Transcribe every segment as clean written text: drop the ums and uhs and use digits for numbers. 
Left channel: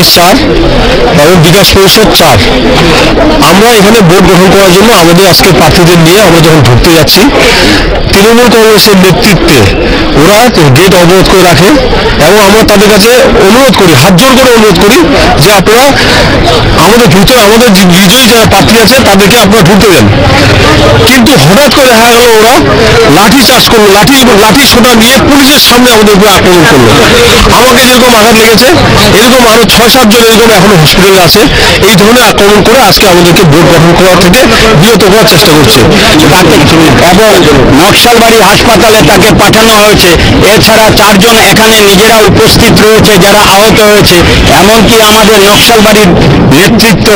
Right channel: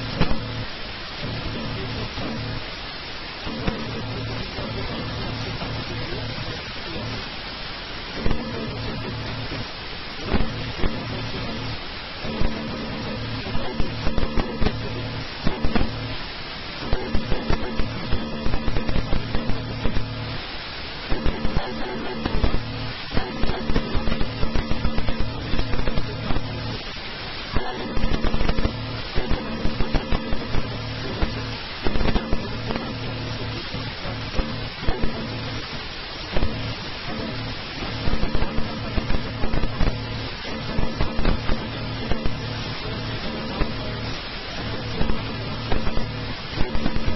কংগ্রেস 4 এবং বিকাশ পরিষদ 4। আমরা এখানে ভোট গ্রহণ করার জন্য আমাদের আজকে প্রার্থীদের নিয়ে আমরা যখন ঢুকতে যাচ্ছি, তৃণমূল কংগ্রেসের নেতৃত্বে ওরা গেট অবরোধ করে রাখে এবং আমরা তাদের কাছে অনুরোধ করি, হাত জোর করে অনুরোধ করি যে আপনারা আমাদের ভিতরে আমাদের বিজয়ী যারা প্রার্থী আছে তাদেরকে আপনারা ঢুকতে দেন। কিন্তু হঠাৎ করে দেখা গেল ওরা লাঠি চার্জ করলো, লাঠি সোটা নিয়ে পুলিশের সামনে আমাদের উপরে আক্রমণ করলো। আমাকে যেরকম আঘাত লেগেছে এরকম আরো 6-7 জন এরকম এখনো হসপিটালে আছে। এই ধরনের আক্রমণ করে আজকে আমাদেরকে ভোট গ্রহণ করার থেকে বিরত করার চেষ্টা করছে এবং নকশালবাড়ি হাসপাতালে তাকে পাঠানো হয়েছে। এছাড়া 4 জন এখানে নিজেরা উপস্থিত রয়েছে যারা আহত হয়েছে। এমনকি আমাদের নকশালবাড়ির নেতৃত্ব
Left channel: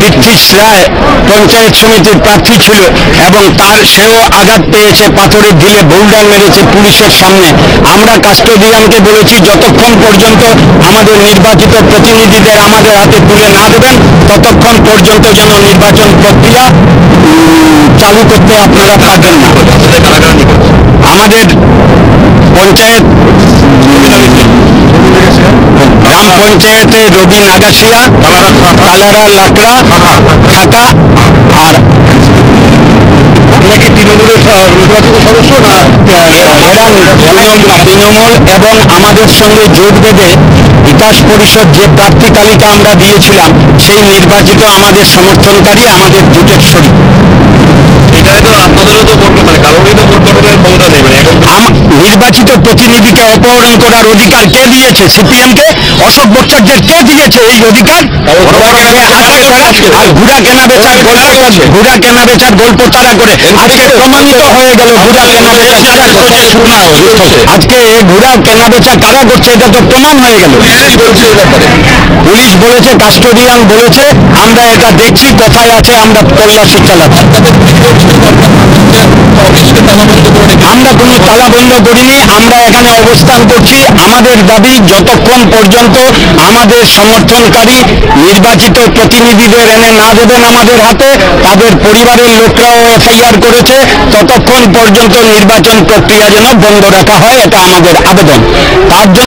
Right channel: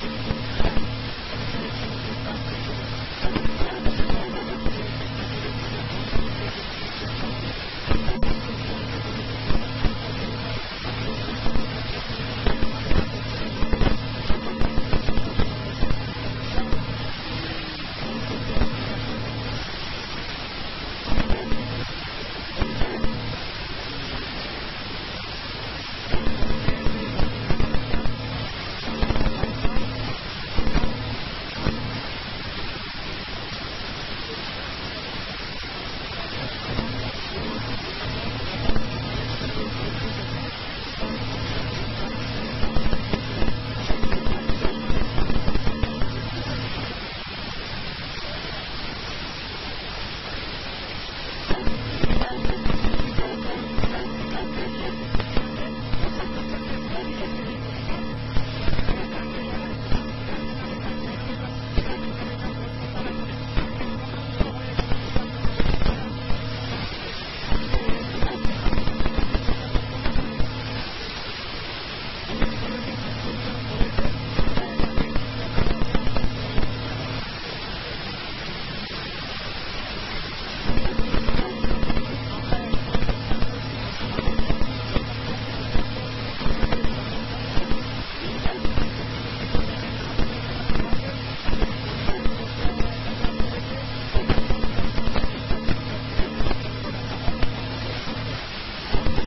পৃথ্বীশ রায় পঞ্চায়েত সমিতির প্রার্থী ছিল এবং সেও আঘাত পেয়েছে, পাথরের ঢিলে বোল্ডার মেরেছে পুলিশের সামনে। আমরা কাস্টোডিয়ানকে বলেছি যতক্ষণ পর্যন্ত আমাদের নির্বাচিত প্রতিনিধিদের আমাদের হাতে তুলে না দেবেন ততক্ষণ পর্যন্ত যেন নির্বাচন প্রক্রিয়া চালু করতে আপনারা পারবেন না। আমাদের পঞ্চায়েত গ্রাম পঞ্চায়েতে রবি নাগাসিয়া, কালারা লাকড়া, খাকা আর নাকি তৃণমূলের নির্বাচিত সদস্য না এরা তৃণমূল এবং আমাদের সঙ্গে জোট বেঁধে বিকাশ পরিষদ যে প্রার্থী তালিকা আমরা দিয়েছিলাম সেই নির্বাচিত আমাদের সমর্থনকারী আমাদের জোটের শরীক। নির্বাচিত প্রতিনিধিকে অপহরণ করার অধিকার কে দিয়েছে? সিপিএমকে, অশোক ভট্টাচার্যের কে দিয়েছে এই অধিকার? আর ঘোড়া কেনা বেচার গল্প তারা করে আজকে প্রমাণিত হয়ে গেল ঘোড়া কেনা বেচা কারা করছে। আজকে ঘোড়া কেনা বেচা কারা করছে এটা তো প্রমাণ হয়ে গেল। পুলিশ বলেছে, কাস্টোডিয়ান বলেছে, আমরা এটা দেখছি কোথায় আছে, আমরা তল্লাশি চালাচ্ছি। আমরা কোনো তালা বন্ধ করিনি, আমরা এখানে অবস্থান করছি। আমাদের দাবি যতক্ষণ পর্যন্ত আমাদের সমর্থনকারী নির্বাচিত প্রতিনিধিদের এনে না দেবেন আমাদের হাতে, তাদের পরিবারের লোকরাও এফআইআর করেছে, ততক্ষণ পর্যন্ত নির্বাচন প্রক্রিয়া যেন বন্ধ রাখা হয়, এটা আমাদের আবেদন। তার জন্য